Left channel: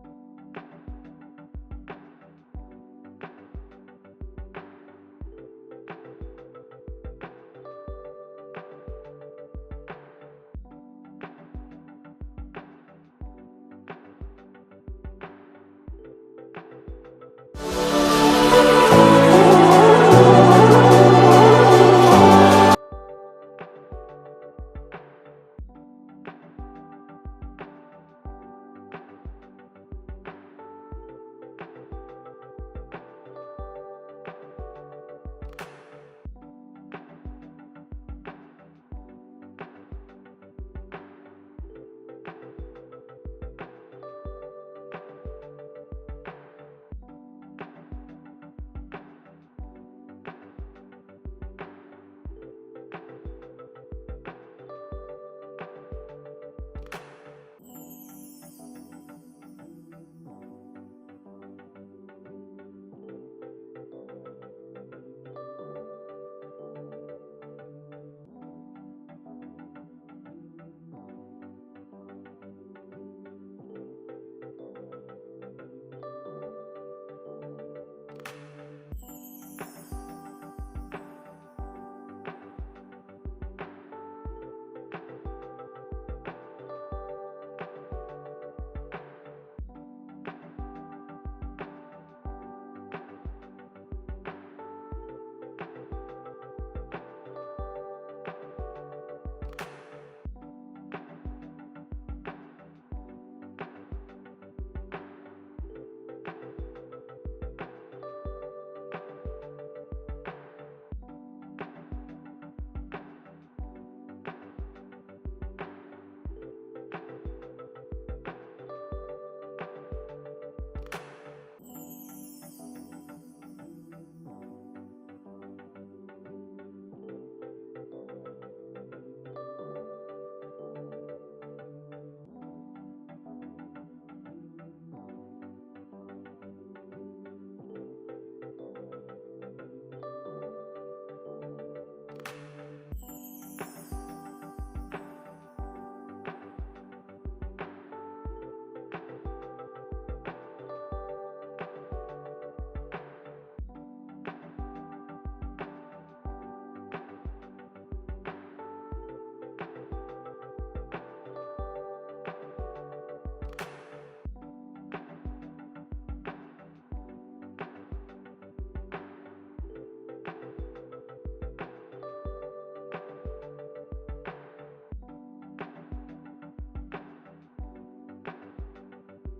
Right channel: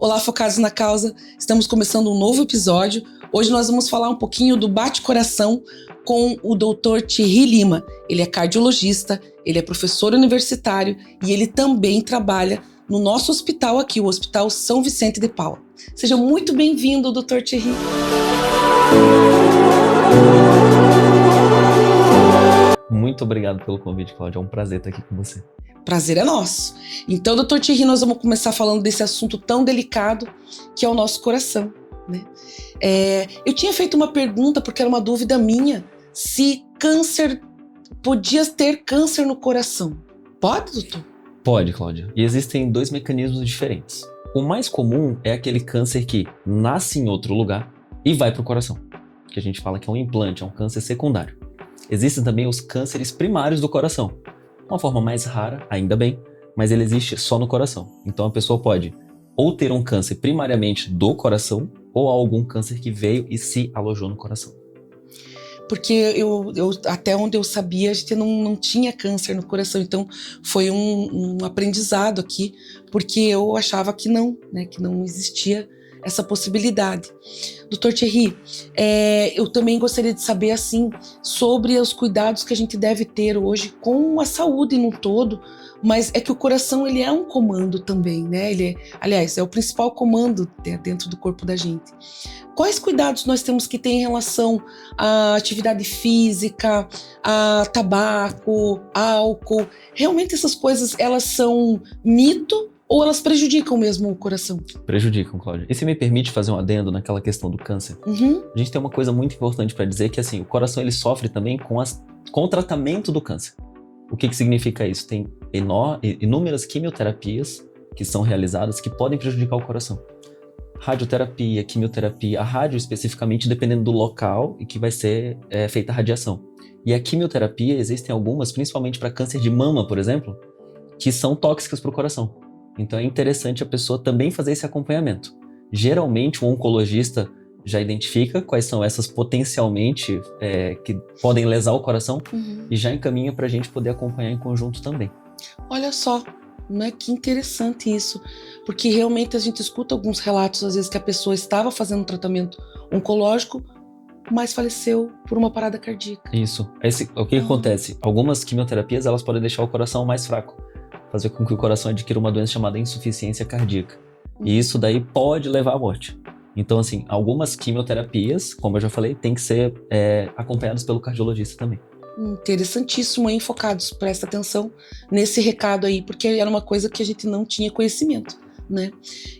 Olá, focados na causa. Estamos começando um novo episódio. Hoje nós vamos falar um pouquinho do bate-coração com o Dr. Thierry Lima. Ele é cardiologista, ele é professor universitário e ele também trabalha no nosso hospital aqui, o Hospital São Vicente de Paula. Seja muito bem-vindo, Dr. Thierry. Muito obrigado pelo convite, Cláudia. É um prazer estar aqui com você. Prazer é nosso. Então, Dr. Thierry, nós vamos começar falando desse assunto tão delicado que é o nosso coração, né? Eu tinha feito uma pergunta, porque era uma dúvida minha, se podia ter câncer no coração. Pode, doutor? Pode, Cláudia. E existem dois mecanismos diferentes. O mais comum é aquele câncer que nasce em outro lugar e vai para o coração, que a gente fala que é um implante, é um câncer secundário. Existem também os cânceres primários do coração. Uma forma mais rara, ainda bem, mas ele existe só no coração. Então a pessoa pode ou ter um câncer primariamente do coração ou algum câncer que veio e se alojou no coração. Porque eu até onde eu sabia, a gente não tinha câncer no coração. Então foi um aprendizado aqui, porque eu achava que não, né, que não existia essa possibilidade. Dr. Thierry, eu também gostaria de saber assim sobre os cuidados que a gente deve ter hoje com a saúde no todo, mas é que o coração ele é um comando também, né? Aliás, é o principal comando dentro do corpo da gente. Quais cuidados nós temos que ter em relação à atividade física, a tabaco, álcool? Realmente essas coisas, elas são mito ou elas prejudicam mesmo o coração? Prejudicam, Cláudia. E se me permite fazer um adendo naquela questão do câncer? A gente tem uma coisa muito importante para dizer que assim, o coração ele sofre também com o tratamento do câncer. O que significa isso? Tem inúmeras quimioterapias que são realizadas que podem prejudicar o coração. Radioterapia, quimioterapia, a rádio especificamente dependendo do local em que vai ser feita a radiação. E a quimioterapia, existem algumas, principalmente para câncer de mama, por exemplo, que são tóxicas para o coração. Então é interessante a pessoa também fazer esse acompanhamento. Geralmente o oncologista já identifica quais são essas potencialmente que podem lesar o coração e já encaminha para a gente poder acompanhar em conjunto também. Olha só, né? Que interessante isso, porque realmente a gente escuta alguns relatos às vezes que a pessoa estava fazendo um tratamento oncológico, mas faleceu por uma parada cardíaca. Isso. O que acontece? Algumas quimioterapias elas podem deixar o coração mais fraco, fazer com que o coração adquira uma doença chamada insuficiência cardíaca. E isso daí pode levar à morte. Então, assim, algumas quimioterapias, como eu já falei, tem que ser acompanhadas pelo cardiologista também. Interessantíssimo, hein? Focados, presta atenção nesse recado aí, porque era uma coisa que a gente não tinha conhecimento, né?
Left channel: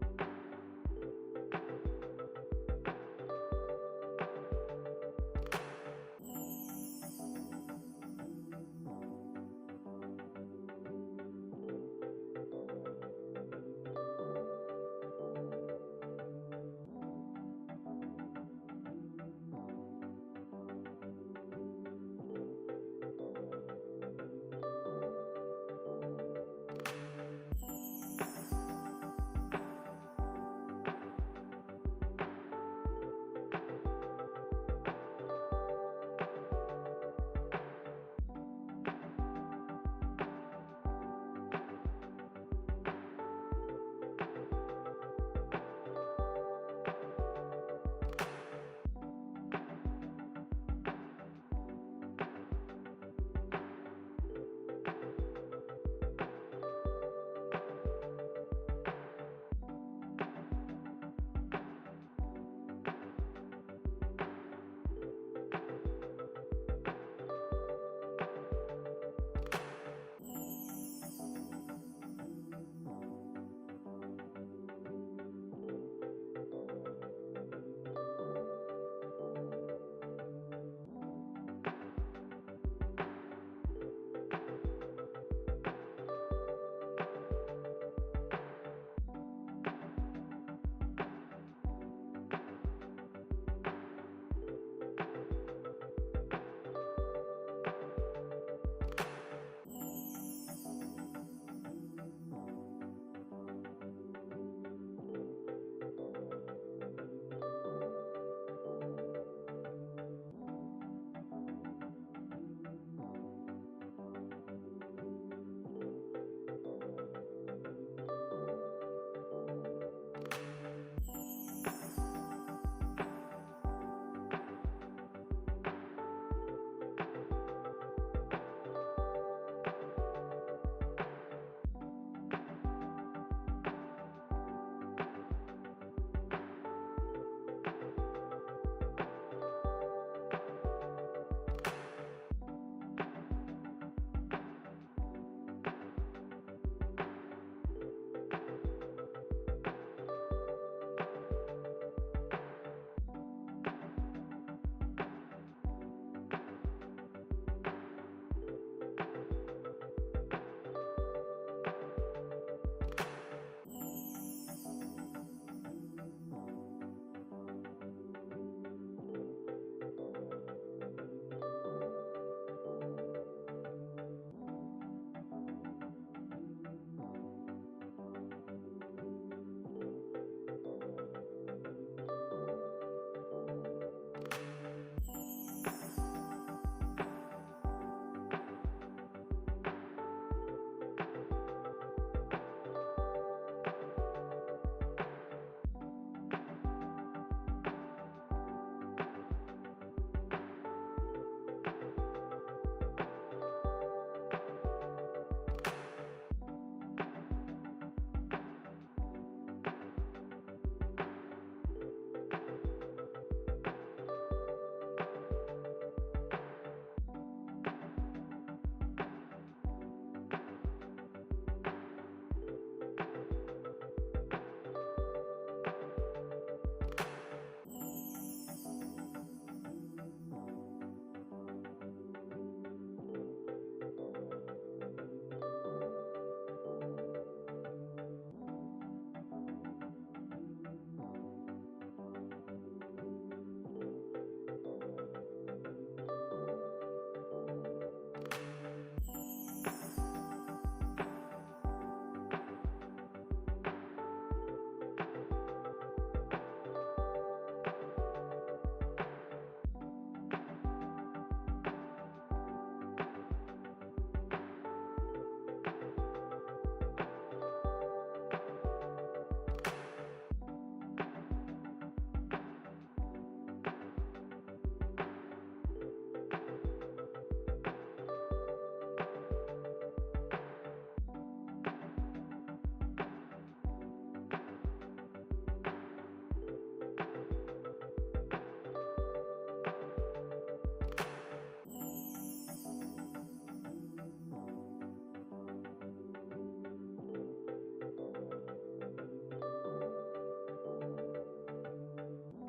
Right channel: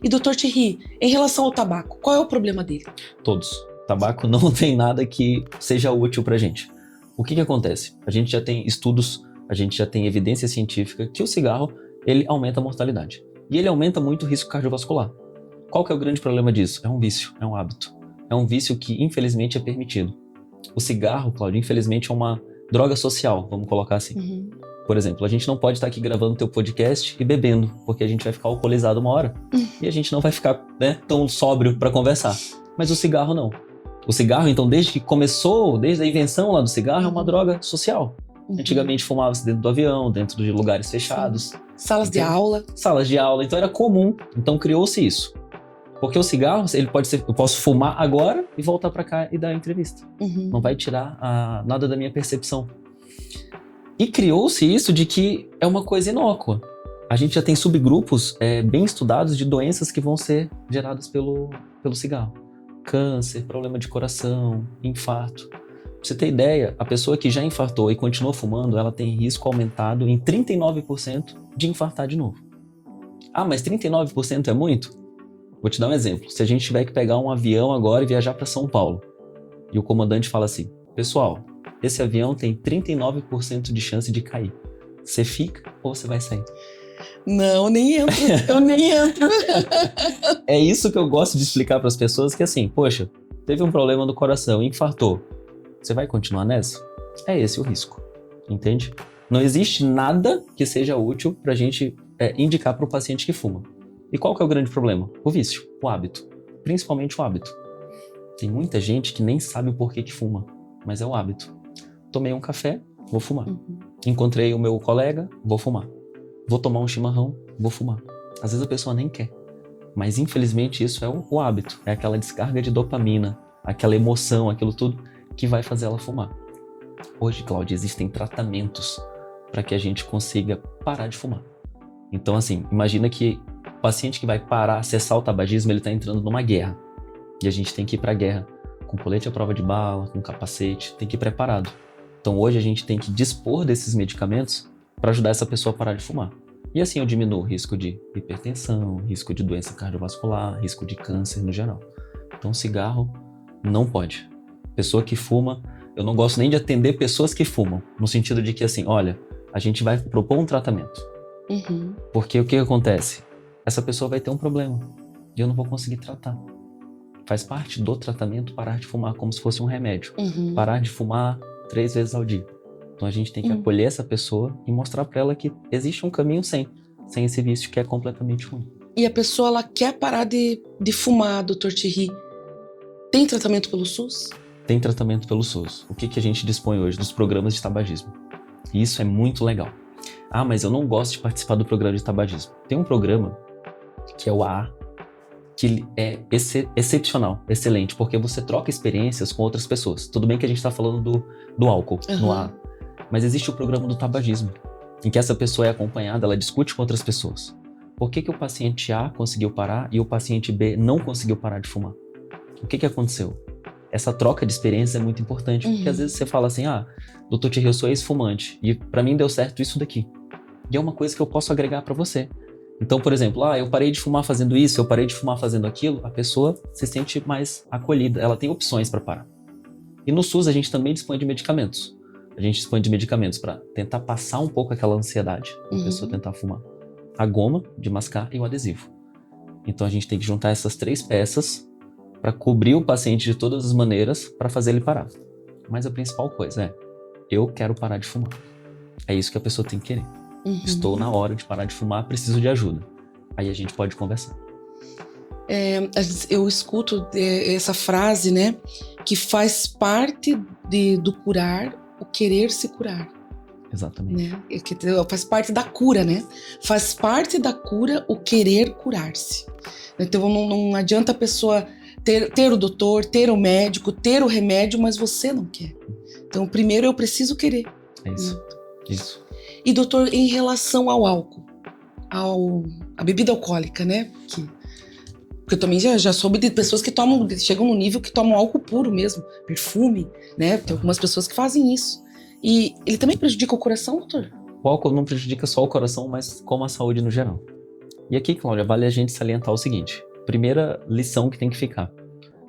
E Dr. Thierry, em relação ao tabaco, qual é o problema dele? Todos. Tabaco não tem nada que seja útil pra gente. O que acontece? A gente já tem estudos, a gente já tem evidência científica que o cigarro, ele aumenta a mortalidade. E ele aumenta muito o risco cardiovascular. Qual que é o grande problema disso? É um vício, é um hábito. É um vício que, infelizmente, é permitido. O cigarro, Cláudia, infelizmente, é uma droga social, vamos colocar assim. Por exemplo, a gente não pode estar aqui gravando teu podcast e bebendo, porque a gente vai ficar alcoolizado uma hora. E a gente não vai ficar, tão sóbrio para conversar. Mas o cigarro não. O cigarro, então, desde que começou, desde a invenção lá do cigarro, é uma droga social. Antigamente fumava-se dentro do avião, dentro de lugares fechados. Salas de aula. Salas de aula, então era comum. Então criou-se isso. Porque o cigarro, ele pode ser, eu posso fumar agora e voltar para cá e dar a entrevista. Não vai tirar nada da minha percepção. E criou-se isso de que é uma coisa inócua. A gente já tem subgrupos bem estudados de doenças que vão ser geradas pelo cigarro. Câncer, problema de coração, infarto. Pra você ter ideia, a pessoa que já infartou e continua fumando, ela tem risco aumentado em 39% de infartar de novo. Ah, mas 39% é muito? Vou te dar um exemplo. Se a gente tiver que pegar um avião agora e viajar para São Paulo, e o comandante fala assim, pessoal, esse avião tem 39% de chance de cair. Você fica ou você vai sair? Não, nem entro. Eu nem entro. É isso que eu gosto de explicar para as pessoas, que assim, poxa, teve um problema no coração, infartou. Você vai continuar nessa? É esse o risco, entende? Não existe nada que seja útil para a gente indicar para o paciente que fuma. E qual que é o grande problema? O vício, o hábito. Principalmente o hábito. Tem muita gente que nem sabe o porquê que fuma, mas é o hábito. Tomei um café, vou fumar. Encontrei o meu colega, vou fumar. Vou tomar um chimarrão, vou fumar. Às vezes a pessoa nem quer, Mas infelizmente isso é o hábito, é aquela descarga de dopamina, aquela emoção, aquilo tudo que vai fazer ela fumar. Hoje, Cláudia, existem tratamentos para que a gente consiga parar de fumar. Então, assim, imagina que o paciente que vai parar, cessar o tabagismo, ele está entrando numa guerra. E a gente tem que ir para a guerra com colete à prova de bala, com capacete, tem que ir preparado. Então, hoje a gente tem que dispor desses medicamentos para ajudar essa pessoa a parar de fumar. E assim eu diminuo o risco de hipertensão, risco de doença cardiovascular, risco de câncer no geral. Então, cigarro não pode. Pessoa que fuma, eu não gosto nem de atender pessoas que fumam, no sentido de que assim, olha, a gente vai propor um tratamento. Porque o que acontece? Essa pessoa vai ter um problema e eu não vou conseguir tratar. Faz parte do tratamento parar de fumar como se fosse um remédio. Parar de fumar 3 vezes ao dia. Então a gente tem que acolher essa pessoa e mostrar para ela que existe um caminho sem esse vício que é completamente ruim. E a pessoa, ela quer parar de fumar, Dr. Thierry. Tem tratamento pelo SUS? Tem tratamento pelo SUS. O que a gente dispõe hoje dos programas de tabagismo? E isso é muito legal. Ah, mas eu não gosto de participar do programa de tabagismo. Tem um programa que é o AA, que ele é excepcional, excelente, porque você troca experiências com outras pessoas. Tudo bem que a gente está falando do álcool no AA, mas existe o programa do tabagismo, em que essa pessoa é acompanhada, ela discute com outras pessoas. Por que o paciente A conseguiu parar e o paciente B não conseguiu parar de fumar? O que aconteceu? Essa troca de experiências é muito importante, porque às vezes você fala assim, Dr. Thierry, eu sou ex-fumante e pra mim deu certo isso daqui. E é uma coisa que eu posso agregar pra você. Então, por exemplo, eu parei de fumar fazendo isso, eu parei de fumar fazendo aquilo, a pessoa se sente mais acolhida, ela tem opções para parar. E no SUS a gente também dispõe de medicamentos. A gente dispõe de medicamentos para tentar passar um pouco aquela ansiedade da pessoa tentar fumar. A goma de mascar e o adesivo. Então a gente tem que juntar essas 3 peças para cobrir o paciente de todas as maneiras para fazer ele parar. Mas a principal coisa é, eu quero parar de fumar. É isso que a pessoa tem que querer. Estou na hora de parar de fumar, preciso de ajuda. Aí a gente pode conversar. Eu escuto essa frase, né? Que faz parte do curar o querer se curar. Exatamente. Né? Faz parte da cura, né? Faz parte da cura o querer curar-se. Então não adianta a pessoa ter o doutor, ter o médico, ter o remédio, mas você não quer. Então primeiro eu preciso querer. É isso. Né? Isso. E doutor, em relação ao álcool, a bebida alcoólica, né? Porque eu também já soube de pessoas que chegam no nível que tomam álcool puro mesmo, perfume, né? Tem algumas pessoas que fazem isso. E ele também prejudica o coração, doutor? O álcool não prejudica só o coração, mas como a saúde no geral. E aqui, Cláudia, vale a gente salientar o seguinte. Primeira lição que tem que ficar.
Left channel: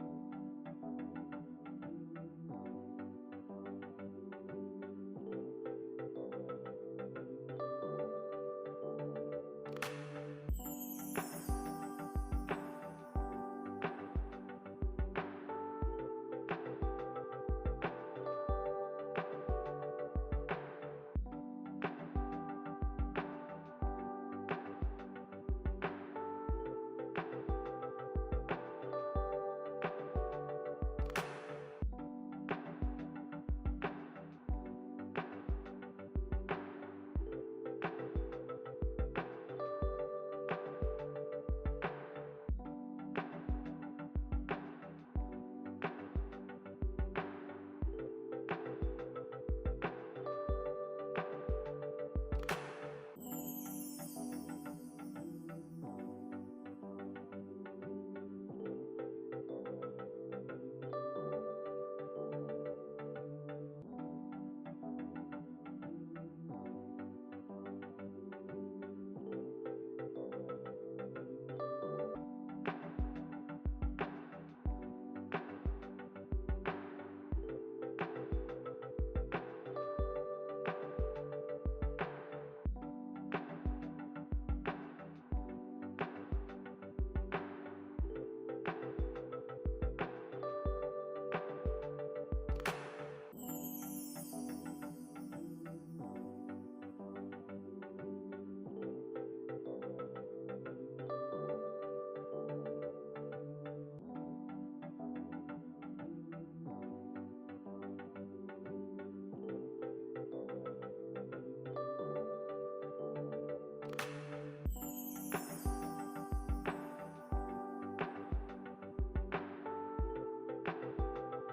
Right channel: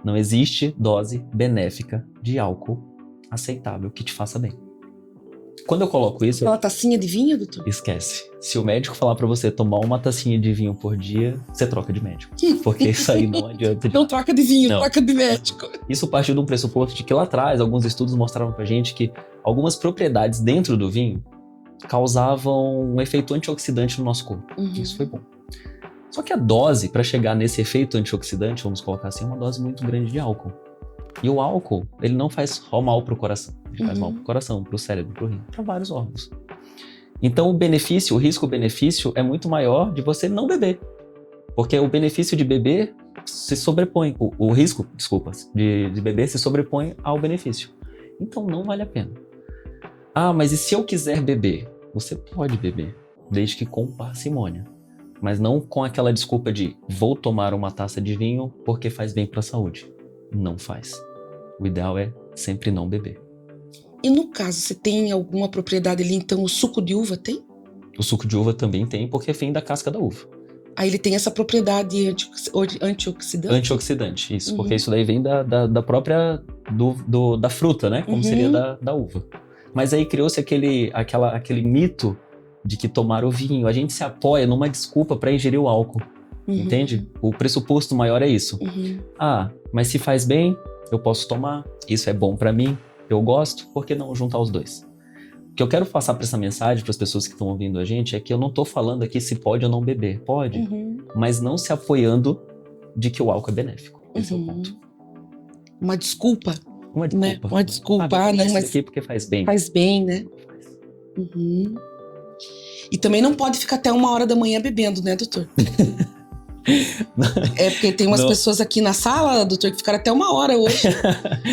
Não existe dose benéfica de álcool aceitável que te faça bem. Quando eu coloco isso... Aquela tacinha de vinho, doutor? Esquece. Se o médico falar pra você tomar uma tacinha de vinho por dia, você troca de médico. Porque isso aí não adianta. Não troca de vinho, troca de médico. Isso partiu de um pressuposto de que lá atrás, alguns estudos mostravam pra gente que algumas propriedades dentro do vinho causavam um efeito antioxidante no nosso corpo. Isso foi bom. Só que a dose para chegar nesse efeito antioxidante, vamos colocar assim, é uma dose muito grande de álcool. E o álcool, ele não faz mal pro coração. Ele faz mal pro coração, pro cérebro, pro rim, para vários órgãos. Então o risco-benefício é muito maior de você não beber. Porque o benefício de beber se sobrepõe, o risco, de beber se sobrepõe ao benefício. Então não vale a pena. Mas e se eu quiser beber? Você pode beber, desde que com parcimônia. Mas não com aquela desculpa de vou tomar uma taça de vinho porque faz bem para a saúde. Não faz. O ideal é sempre não beber. E no caso, você tem alguma propriedade ali, então o suco de uva tem? O suco de uva também tem, porque vem da casca da uva. Aí ele tem essa propriedade antioxidante? Antioxidante, isso. Porque isso daí vem da própria da fruta, né? Como seria da uva. Mas aí criou-se aquele mito de que tomar o vinho, a gente se apoia numa desculpa para ingerir o álcool. Entende? O pressuposto maior é isso. Mas se faz bem, eu posso tomar, isso é bom para mim, eu gosto, por que não juntar os dois? O que eu quero passar para essa mensagem para as pessoas que estão ouvindo a gente é que eu não estou falando aqui se pode ou não beber. Pode, mas não se apoiando de que o álcool é benéfico. Esse é o ponto. Uma desculpa. Uma desculpa. Né? Uma desculpa. Não, mas aqui porque faz bem. Faz bem, né? E também não pode ficar até 1h da manhã bebendo, né, doutor? É porque tem umas pessoas aqui na sala, doutor, que ficaram até 1 hora hoje.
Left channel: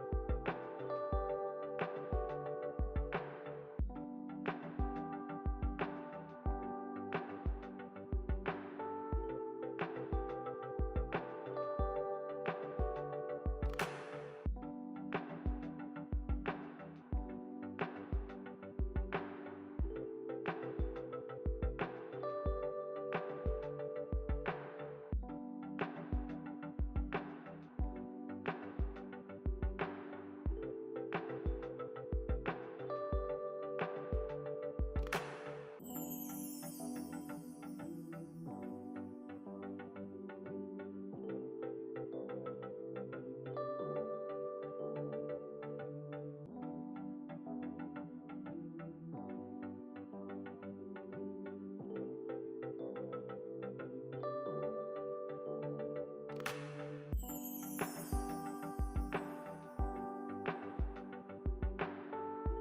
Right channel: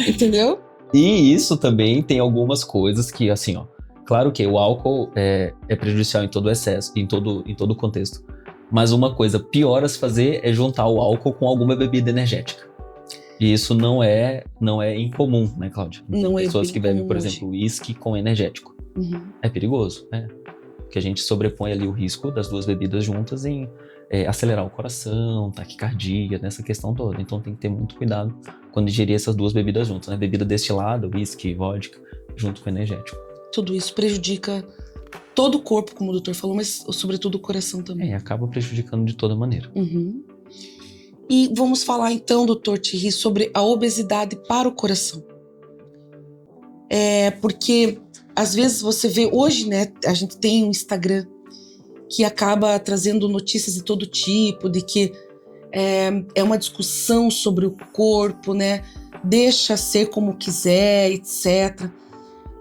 Entendeu? E isso também tem algumas coisas que, assim, ó, claro que o álcool é prejudicial em todo o excesso, em todo o contexto. Mas uma coisa pior a se fazer é juntar o álcool com alguma bebida energética. E isso não é incomum, né, Cláudia? Não é pessoas que bebem, por hoje. exemplo, uísque com energético. É perigoso, né? Porque a gente sobrepõe ali o risco das duas bebidas juntas em acelerar o coração, taquicardia, nessa questão toda. Então tem que ter muito cuidado quando ingerir essas duas bebidas juntas, né? Bebida destilada, uísque, vodka, junto com energético. Tudo isso prejudica todo o corpo, como o doutor falou, mas sobretudo o coração também. Acaba prejudicando de toda maneira. E vamos falar então, doutor Thierry, sobre a obesidade para o coração. Porque às vezes você vê hoje, né, a gente tem um Instagram que acaba trazendo notícias de todo tipo, de que é uma discussão sobre o corpo, né? Deixa ser como quiser, etc.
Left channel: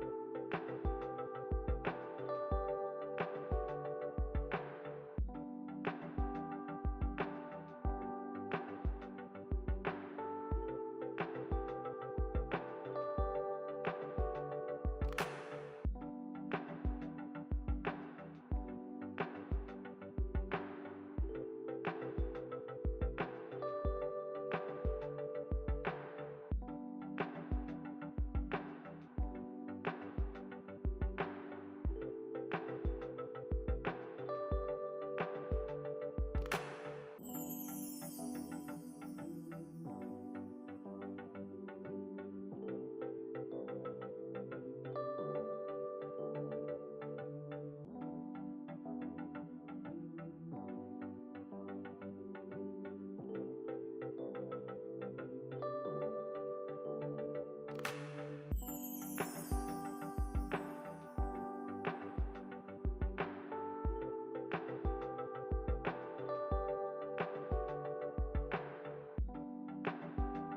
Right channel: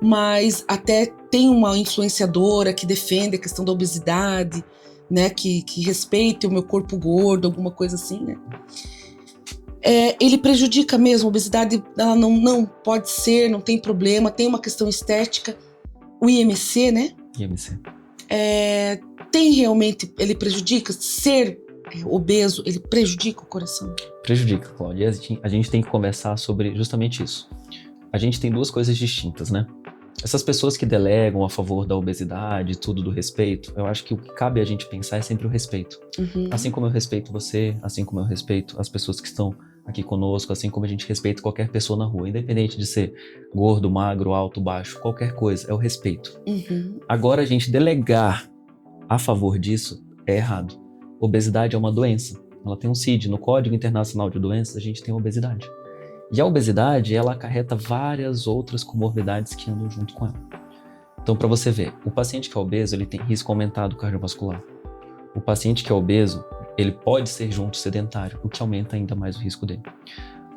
Mas até tem uma influenciadora que defende a questão da obesidade, né? Que respeite o meu corpo gordo, alguma coisa assim, né? Ele prejudica mesmo, a obesidade, ela não pode ser, não tem problema, tem uma questão estética. O IMC, né? IMC. Tem realmente, ele prejudica? Ser obeso, ele prejudica o coração? Prejudica, Cláudia. A gente tem que conversar sobre justamente isso. A gente tem duas coisas distintas, né? Essas pessoas que delegam a favor da obesidade, tudo do respeito, eu acho que o que cabe a gente pensar é sempre o respeito. Assim como eu respeito você, assim como eu respeito as pessoas que estão aqui conosco, assim como a gente respeita qualquer pessoa na rua, independente de ser gordo, magro, alto, baixo, qualquer coisa, é o respeito. Agora, a gente delegar a favor disso é errado. Obesidade é uma doença. Ela tem um CID. No Código Internacional de Doenças, a gente tem obesidade. E a obesidade, ela acarreta várias outras comorbidades que andam junto com ela. Então, para você ver, o paciente que é obeso, ele tem risco aumentado cardiovascular. O paciente que é obeso, ele pode ser junto sedentário, o que aumenta ainda mais o risco dele.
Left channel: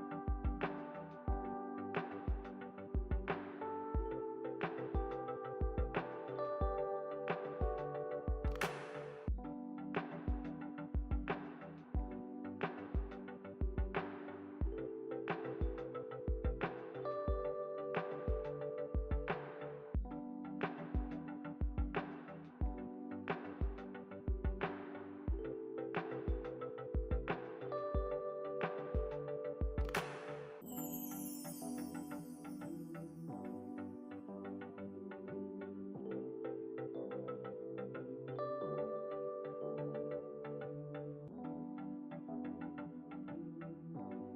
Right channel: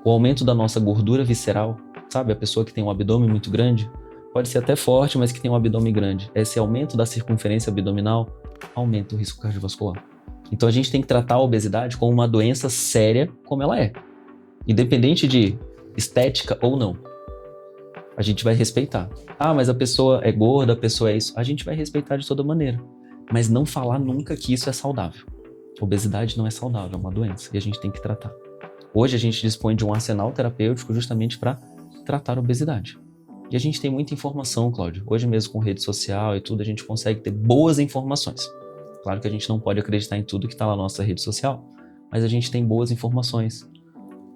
O aumento da nossa gordura visceral, sabe? A pessoa que tem um abdômen muito grande, pode ser até forte, mas que tem um abdômen grande. Esse aumento da circunferência abdominal aumenta o risco cardiovascular. Então a gente tem que tratar a obesidade como uma doença séria, como ela é. Independente de estética ou não. A gente vai respeitar. Ah, mas a pessoa é gorda, a pessoa é isso. A gente vai respeitar de toda maneira. Mas não falar nunca que isso é saudável. Obesidade não é saudável, é uma doença. E a gente tem que tratar. Hoje a gente dispõe de um arsenal terapêutico justamente para tratar a obesidade. E a gente tem muita informação, Cláudio. Hoje mesmo com rede social e tudo, a gente consegue ter boas informações. Claro que a gente não pode acreditar em tudo que está na nossa rede social, mas a gente tem boas informações.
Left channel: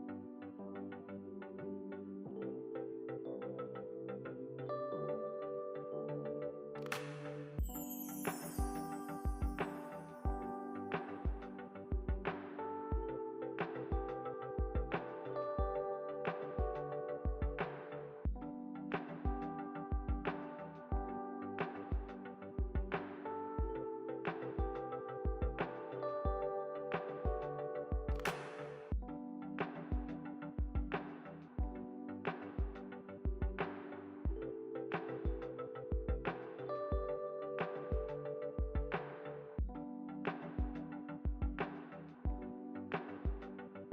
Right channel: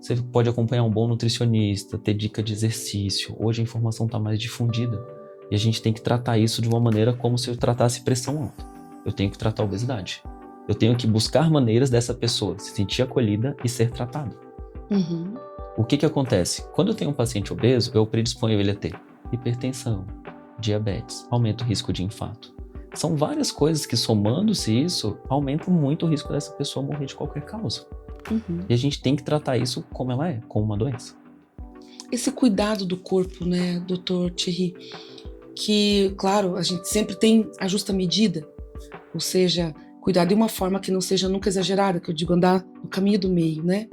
Você pode acompanhar um bom nutricionista, ter dica de exercício. Hoje a informação está mais difundida. E a gente tem que tratar isso de uma maneira como se eu tratasse pressão alta. Eu tenho que tratar a obesidade. Eu tenho que buscar maneiras dessa pessoa se sentir acolhida e ser tratada. O que acontece? Quando eu tenho um paciente obeso, eu predisponho ele a ter hipertensão, diabetes, aumenta o risco de infarto. São várias coisas que, somando-se isso, aumentam muito o risco dessa pessoa morrer de qualquer causa. E a gente tem que tratar isso como ela é, como uma doença. Esse cuidado do corpo, né, doutor Thierry, que, claro, a gente sempre tem a justa medida, ou seja, cuidar de uma forma que não seja nunca exagerada, que eu digo andar no caminho do meio, né?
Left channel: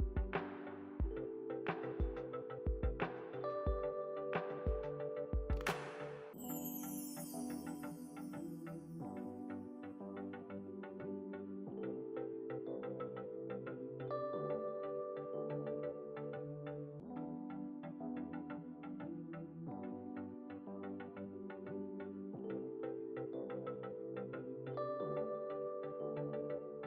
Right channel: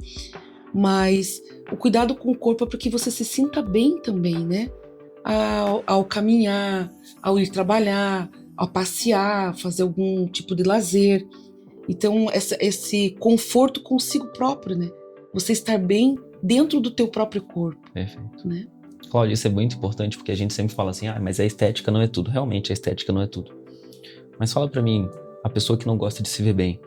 Mas o cuidado com o corpo é para que você se sinta bem também, né? Ao caminhar, ao ir trabalhar, ao passear, fazer algum tipo de lazer. Então, esse conforto consigo próprio, né? Você estar bem dentro do teu próprio corpo. Perfeito. Né? Cláudia, isso é muito importante porque a gente sempre fala assim, mas a estética não é tudo. Realmente, a estética não é tudo. Mas fala pra mim, a pessoa que não gosta de se ver bem,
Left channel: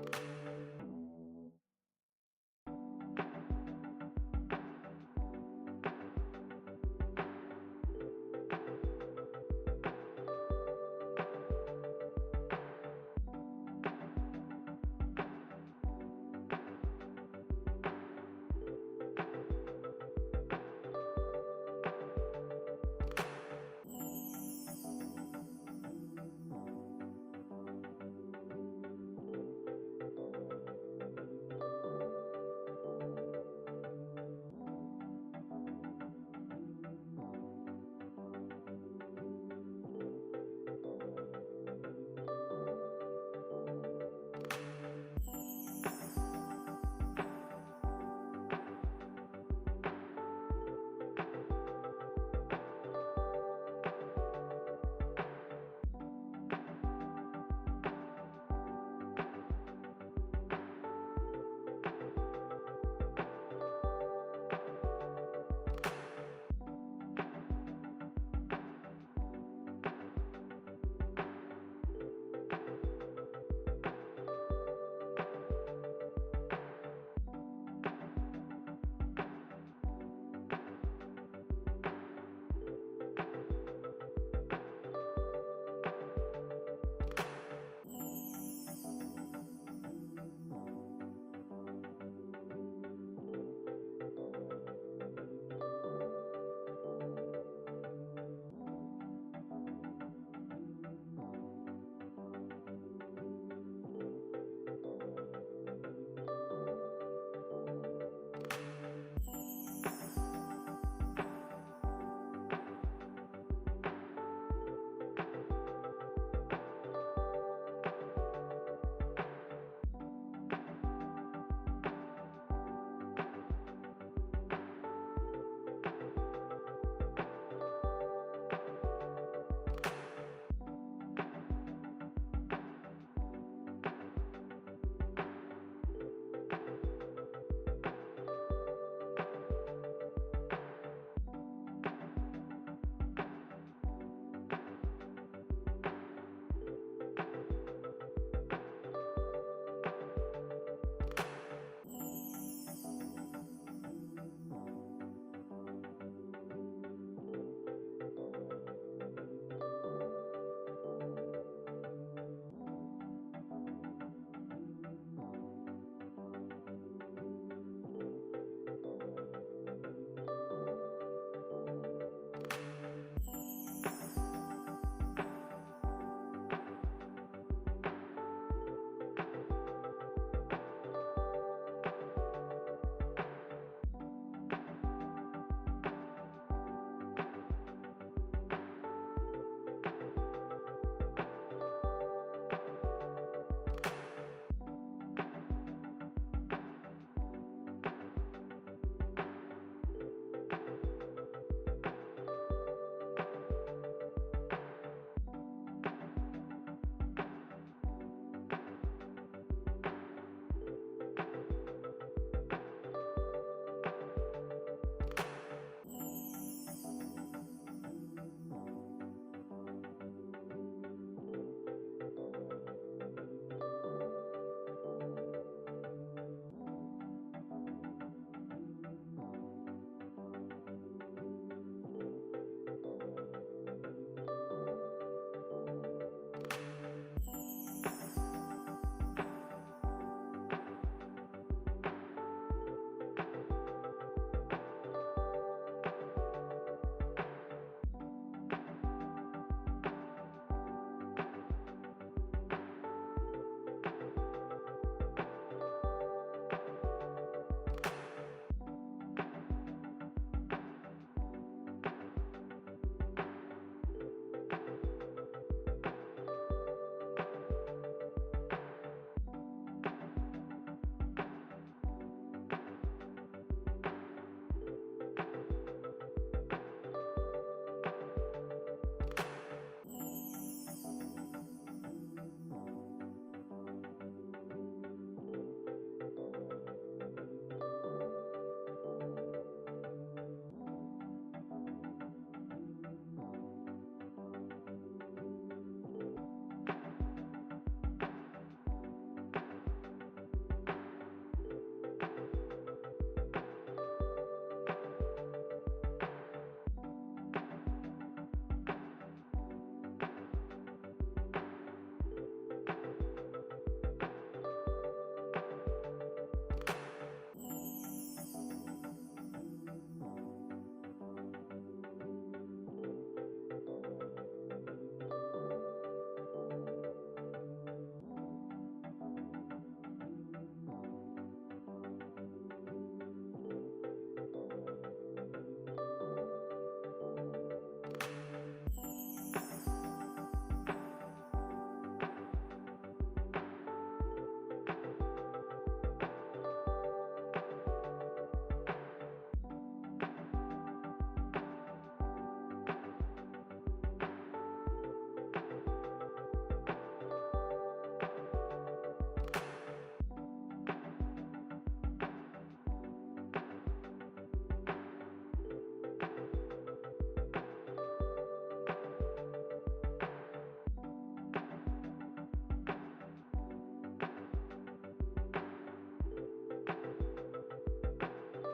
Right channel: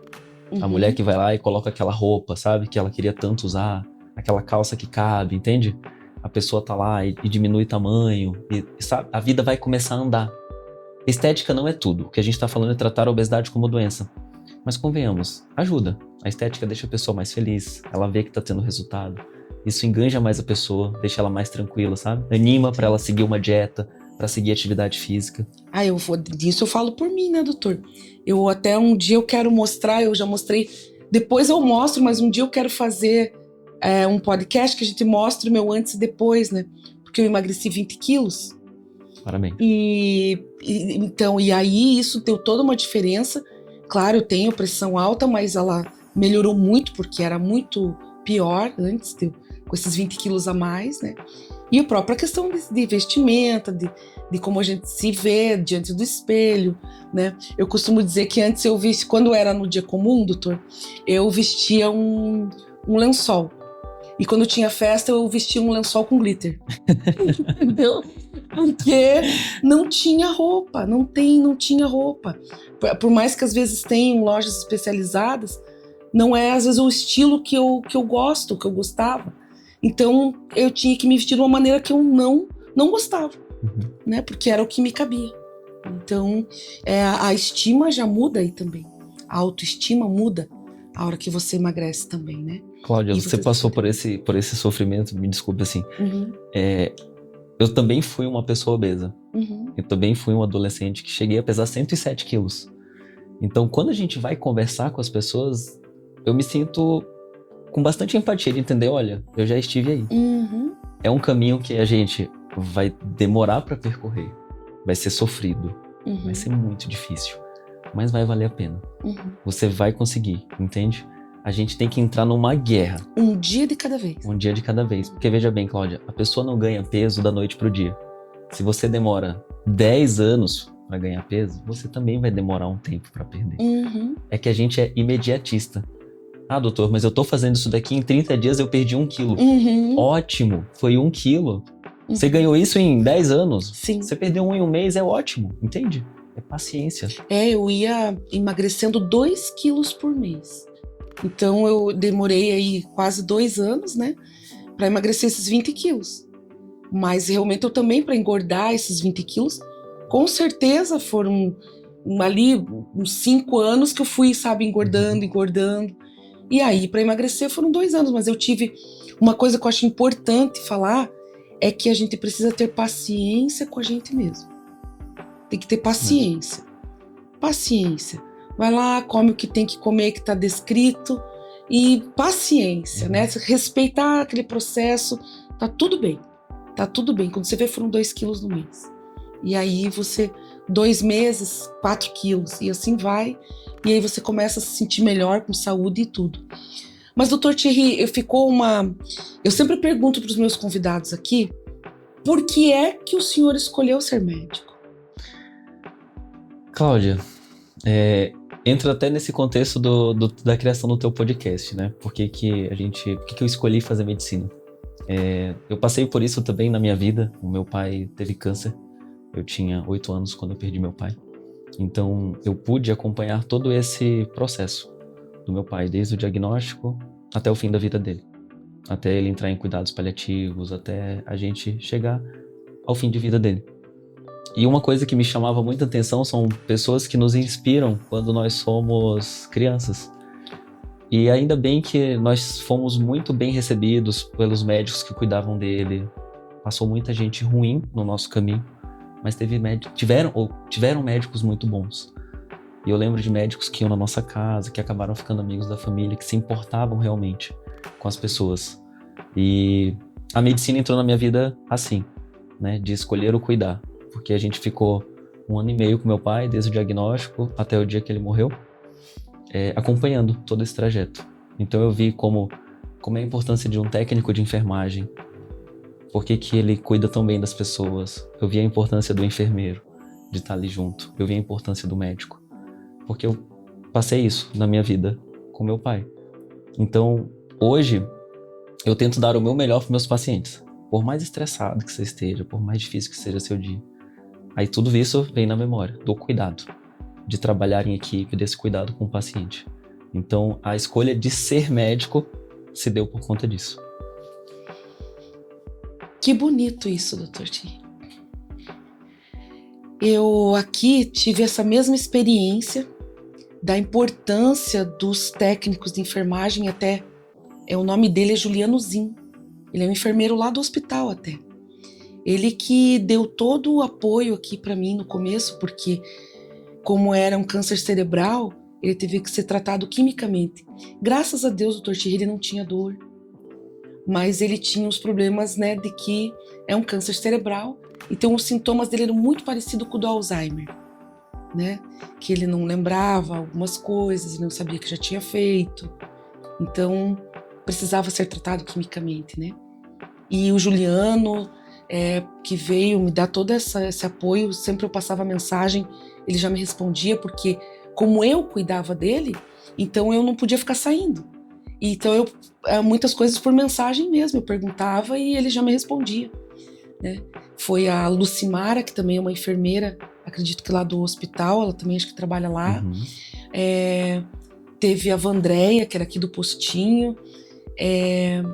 a mulher que vai lá e coloca aquela roupa, sabe? Que ela queria tanto usar, aquela calça que cabe, entende? A pessoa tá lá e diminui tamanho, e sabe? A vida vai começar a andar. Estética não é tudo. O que a gente tá falando é tratar a obesidade como doença. Mas convenhamos, ajuda. A estética deixa a pessoa mais feliz, ela vê que tá tendo resultado. Isso enganja mais a pessoa, deixa ela mais tranquila, sabe? Anima pra ela seguir uma dieta, pra seguir atividade física. Disso eu falo por mim, né, doutor? Eu até um dia eu quero mostrar, eu já mostrei, depois eu mostro, mas um dia eu quero fazer um podcast que a gente mostre o meu antes e depois, né? Porque eu emagreci 20 quilos. Parabéns. E aí isso deu toda uma diferença. Claro, eu tenho pressão alta, mas ela melhorou muito, porque era muito pior antes, com esses 20 quilos a mais, né? E a própria questão de vestimenta, de como a gente se vê diante do espelho, né? Eu costumo dizer que antes eu vestia, quando era no dia comum, doutor, eu vestia um lençol. E quando tinha festa, eu vestia um lençol com glitter. Entendeu? Porque não tinha roupa, não tinha roupa. Por mais que às vezes tenham lojas especializadas, não é às vezes o estilo que eu gosto, que eu gostava. Então eu tinha que me vestir de uma maneira que eu não gostava, né? Porque era o que me cabia. Então a estima já muda aí também. A autoestima muda a hora que você emagrece também, né? Cláudia, você passou por esse sofrimento, me desculpe assim. Eu também fui uma pessoa obesa. Eu também fui um adolescente que cheguei a pesar 107 quilos. Então, quando a gente vai conversar com as pessoas, eu me sinto com bastante empatia de entender, olha, eu já estive aí. É um caminho que a gente vai demorar para percorrer. Vai ser sofrido. Vai ser muito difícil. Mas vai valer a pena. Você vai conseguir, entende? A gente tem que entrar numa guerra. Um dia de cada vez. Um dia de cada vez. Porque veja bem, Cláudia, a pessoa não ganha peso da noite pro dia. Se você demora 10 anos para ganhar peso, você também vai demorar um tempo para perder. É que a gente é imediatista. Ah, doutor, mas eu tô fazendo isso daqui em 30 dias, eu perdi 1 quilo. Ótimo, foi 1 quilo. Você ganhou isso em 10 anos. Sim. Você perdeu 1 em um mês, é ótimo, entende? É paciência. Eu ia emagrecendo 2 quilos por mês. Então eu demorei aí quase 2 anos, né, para emagrecer esses 20 quilos. Mas realmente eu também, para engordar esses 20 quilos, com certeza foram ali uns 5 anos que eu fui, sabe, engordando. E aí, para emagrecer foram 2 anos, mas eu tive uma coisa que eu acho importante falar, é que a gente precisa ter paciência com a gente mesmo. Tem que ter paciência. Paciência. Vai lá, come o que tem que comer, que está descrito. E paciência, né? Respeitar aquele processo. Tá tudo bem. Tá tudo bem. Quando você vê, foram 2 quilos no mês. E aí você, 2 meses, 4 quilos. E assim vai. E aí você começa a se sentir melhor, com saúde e tudo. Mas, doutor Thierry, eu sempre pergunto para os meus convidados aqui, por que é que o senhor escolheu ser médico? Cláudia, entra até nesse contexto da criação do teu podcast, né? Por que eu escolhi fazer medicina? Eu passei por isso também na minha vida. O meu pai teve câncer. Eu tinha 8 anos quando eu perdi meu pai. Então, eu pude acompanhar todo esse processo do meu pai, desde o diagnóstico até o fim da vida dele. Até ele entrar em cuidados paliativos, até a gente chegar ao fim de vida dele. E uma coisa que me chamava muita atenção são pessoas que nos inspiram quando nós somos crianças. E ainda bem que nós fomos muito bem recebidos pelos médicos que cuidavam dele. Passou muita gente ruim no nosso caminho, mas tiveram médicos muito bons. E eu lembro de médicos que iam na nossa casa, que acabaram ficando amigos da família, que se importavam realmente com as pessoas. E a medicina entrou na minha vida assim, né, de escolher o cuidar. Porque a gente ficou 1 ano e meio com meu pai, desde o diagnóstico até o dia que ele morreu, acompanhando todo esse trajeto. Então eu vi como é a importância de um técnico de enfermagem, por que ele cuida tão bem das pessoas. Eu vi a importância do enfermeiro, de estar ali junto. Eu vi a importância do médico, porque eu passei isso na minha vida com meu pai. Então, hoje, eu tento dar o meu melhor para meus pacientes. Por mais estressado que você esteja, por mais difícil que seja seu dia. Aí tudo isso vem na memória, do cuidado, de trabalhar em equipe, desse cuidado com o paciente. Então, a escolha de ser médico se deu por conta disso. Que bonito isso, doutor Thierry. Eu aqui tive essa mesma experiência da importância dos técnicos de enfermagem, até o nome dele é Juliano Zin. Ele é um enfermeiro lá do hospital até. Ele que deu todo o apoio aqui para mim no começo, porque como era um câncer cerebral, ele teve que ser tratado quimicamente. Graças a Deus, o doutor Thierry, ele não tinha dor, mas ele tinha os problemas, né, de que é um câncer cerebral, então os sintomas dele eram muito parecidos com o do Alzheimer, né? Que ele não lembrava algumas coisas, ele não sabia que já tinha feito. Então, precisava ser tratado quimicamente, né? E o Juliano, que veio me dar todo esse apoio, sempre eu passava mensagem, ele já me respondia, porque como eu cuidava dele, então eu não podia ficar saindo. Então, muitas coisas por mensagem mesmo, eu perguntava e ele já me respondia, né? Foi a Lucimara, que também é uma enfermeira, acredito que lá do hospital, ela também acho que trabalha lá. Teve a Vandréia, que era aqui do postinho,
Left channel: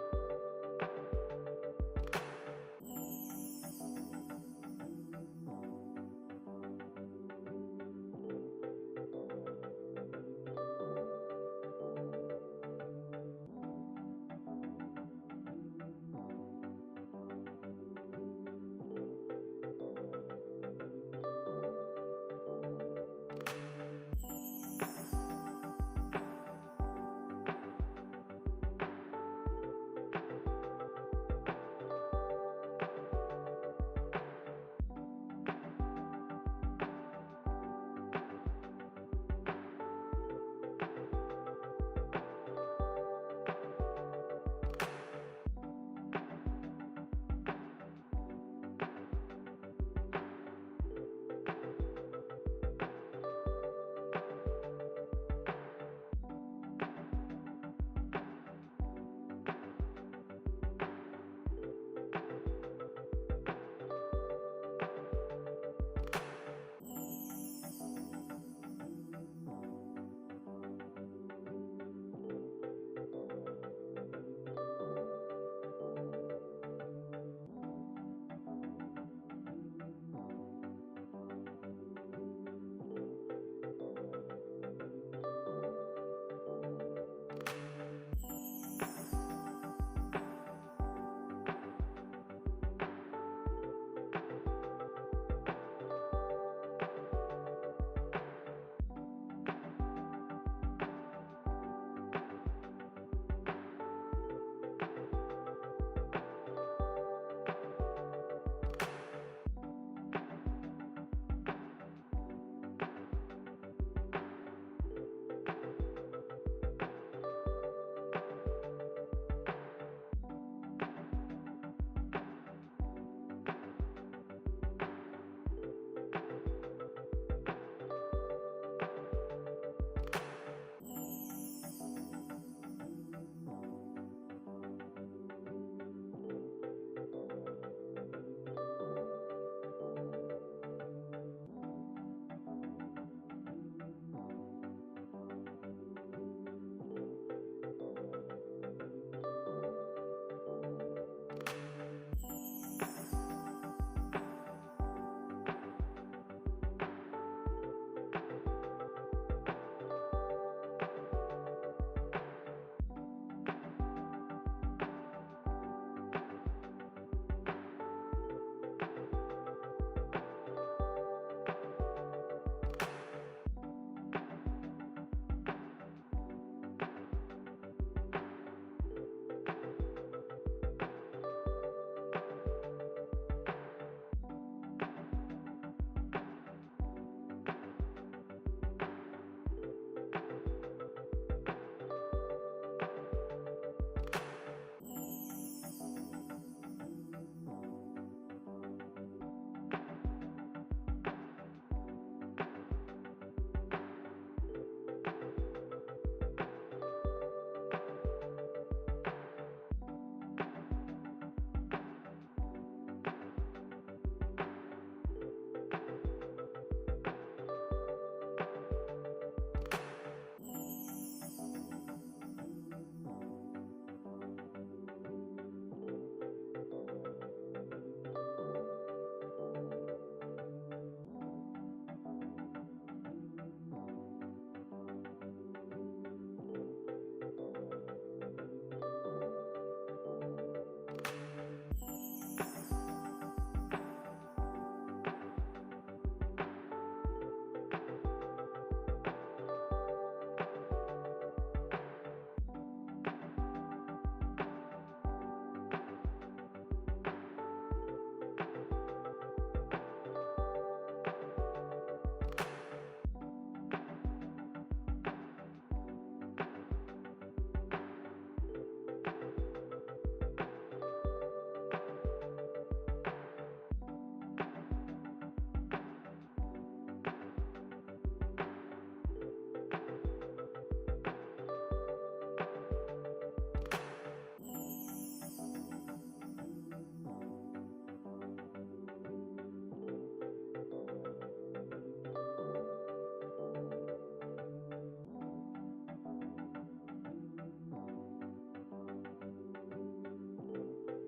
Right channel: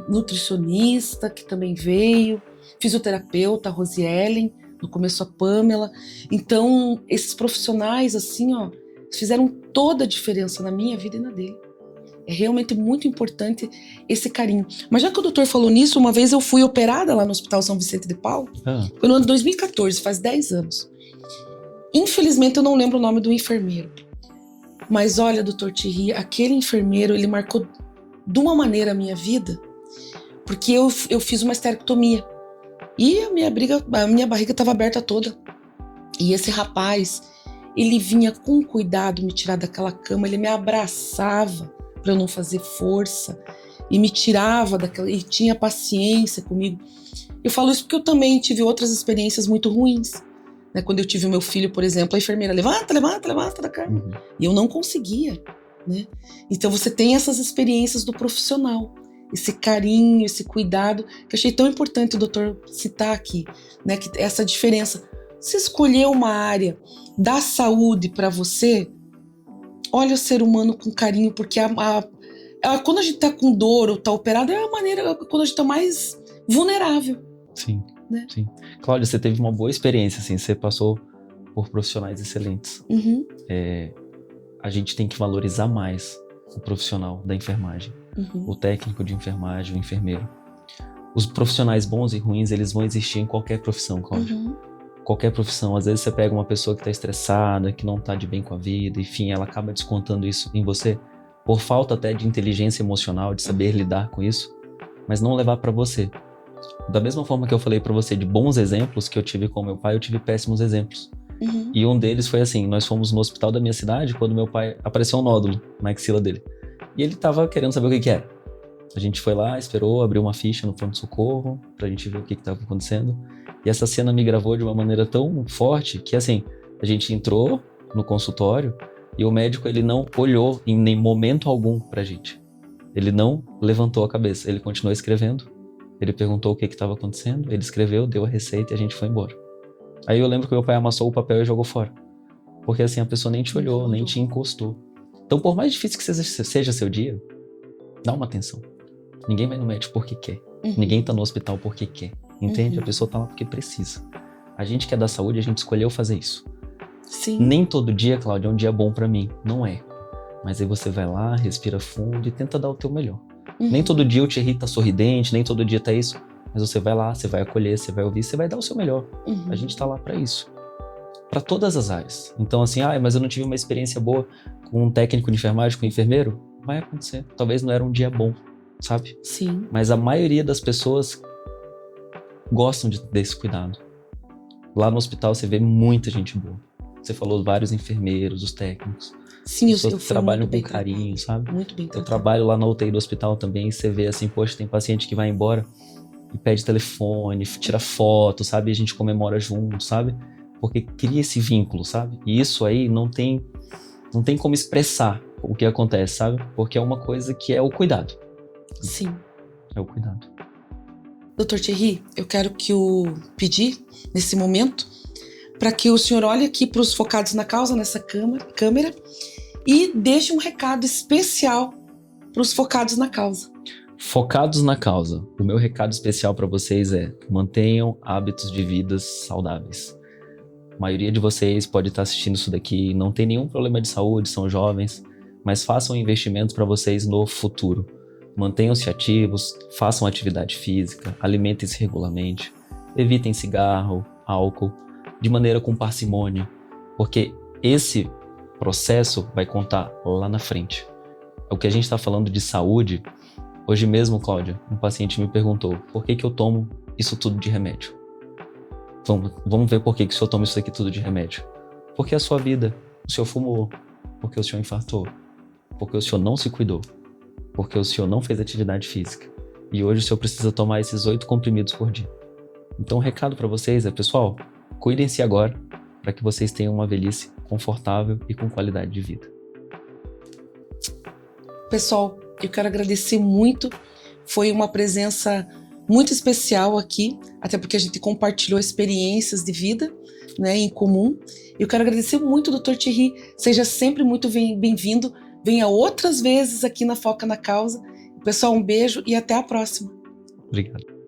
nutricionista, que também veio, fisioterapeuta, a Rosiellen, no começo a Pamela. Então, esses profissionais, assim, ó, fizeram toda a diferença na minha vida e na dele. É realmente muito importante esse carinho. Mas já que o doutor falou nisso, uma vez eu fui operada lá no Hospital São Vicente de Paulo. Foi no ano de 2014, faz 10 anos. Infelizmente eu não lembro o nome do enfermeiro. Mas olha, doutor Thierry, aquele enfermeiro, ele marcou de uma maneira a minha vida, porque eu fiz uma esterectomia. E a minha barriga estava aberta toda. E esse rapaz, ele vinha com cuidado me tirar daquela cama, ele me abraçava para eu não fazer força e me tirava daquela, e tinha paciência comigo. Eu falo isso porque eu também tive outras experiências muito ruins, né? Quando eu tive o meu filho, por exemplo, a enfermeira levanta da cama, e eu não conseguia, né? Então você tem essas experiências do profissional, esse carinho, esse cuidado, que eu achei tão importante o doutor citar aqui, né? Que essa diferença. Se escolher uma área da saúde para você, olha o ser humano com carinho, porque quando a gente tá com dor ou tá operado, é a maneira quando a gente tá mais vulnerável. Sim, né? Sim. Cláudia, você teve uma boa experiência, assim, você passou por profissionais excelentes. A gente tem que valorizar mais o profissional da enfermagem, o técnico de enfermagem, o enfermeiro. Os profissionais bons e ruins, eles vão existir em qualquer profissão, Cláudia. Qualquer profissão. Às vezes você pega uma pessoa que está estressada, que não está de bem com a vida, enfim, ela acaba descontando isso em você, por falta até de inteligência emocional, de saber lidar com isso, mas não levar para você. Da mesma forma que eu falei para você de bons exemplos que eu tive com meu pai, eu tive péssimos exemplos. E um deles foi assim, nós fomos no hospital da minha cidade quando meu pai apareceu um nódulo na axila dele. E ele tava querendo saber o que era. A gente foi lá, esperou, abriu uma ficha no pronto-socorro pra gente ver o que estava acontecendo. E essa cena me gravou de uma maneira tão forte que, assim, a gente entrou no consultório e o médico, ele não olhou em nem momento algum pra gente. Ele não levantou a cabeça, ele continuou escrevendo. Ele perguntou o que estava acontecendo, ele escreveu, deu a receita e a gente foi embora. Aí eu lembro que meu pai amassou o papel e jogou fora. Porque assim, a pessoa nem te olhou, nem te encostou. Então, por mais difícil que seja seu dia, dá uma atenção. Ninguém vai no médico porque quer. Ninguém tá no hospital porque quer. Entende? A pessoa tá lá porque precisa. A gente que é da saúde, a gente escolheu fazer isso. Sim. Nem todo dia, Cláudia, é um dia bom pra mim. Não é. Mas aí você vai lá, respira fundo e tenta dar o teu melhor. Nem todo dia o Thierry tá sorridente, nem todo dia tá isso. Mas você vai lá, você vai acolher, você vai ouvir, você vai dar o seu melhor. A gente tá lá pra isso. Pra todas as áreas. Então assim, mas eu não tive uma experiência boa com um técnico de enfermagem, com um enfermeiro. Vai acontecer. Talvez não era um dia bom, sabe? Sim. Mas a maioria das pessoas gostam desse cuidado. Lá no hospital você vê muita gente boa. Você falou vários enfermeiros, os técnicos. Sim, pessoas eu que fui trabalham muito com bem carinho, sabe? Muito bem Eu tratada. trabalho lá na UTI do hospital também e você vê assim, poxa, tem paciente que vai embora e pede telefone, tira foto, sabe? E a gente comemora junto, sabe? Porque cria esse vínculo, sabe? E isso aí não tem como expressar o que acontece, sabe? Porque é uma coisa que é o cuidado. Sim. É o cuidado. Dr. Thierry, eu quero pedir, nesse momento, para que o senhor olhe aqui para os focados na causa, nessa câmera, e deixe um recado especial para os focados na causa. Focados na causa. O meu recado especial para vocês é: mantenham hábitos de vidas saudáveis. A maioria de vocês pode estar assistindo isso daqui e não tem nenhum problema de saúde, são jovens, mas façam investimentos para vocês no futuro. Mantenham-se ativos, façam atividade física, alimentem-se regularmente, evitem cigarro, álcool, de maneira com parcimônia, porque esse processo vai contar lá na frente. O que a gente está falando de saúde, hoje mesmo, Cláudia, um paciente me perguntou: por que eu tomo isso tudo de remédio? Vamos ver por que o senhor toma isso aqui tudo de remédio. Porque a sua vida, o senhor fumou, porque o senhor infartou, porque o senhor não se cuidou. porque o senhor não fez atividade física. E hoje o senhor precisa tomar esses 8 comprimidos por dia. Então o recado para vocês é, pessoal, cuidem-se agora para que vocês tenham uma velhice confortável e com qualidade de vida. Pessoal, eu quero agradecer muito. Foi uma presença muito especial aqui, até porque a gente compartilhou experiências de vida, né, em comum. Eu quero agradecer muito, Dr. Thierry. Seja sempre muito bem-vindo. Venha outras vezes aqui na Foca na Causa. Pessoal, um beijo e até a próxima. Obrigado.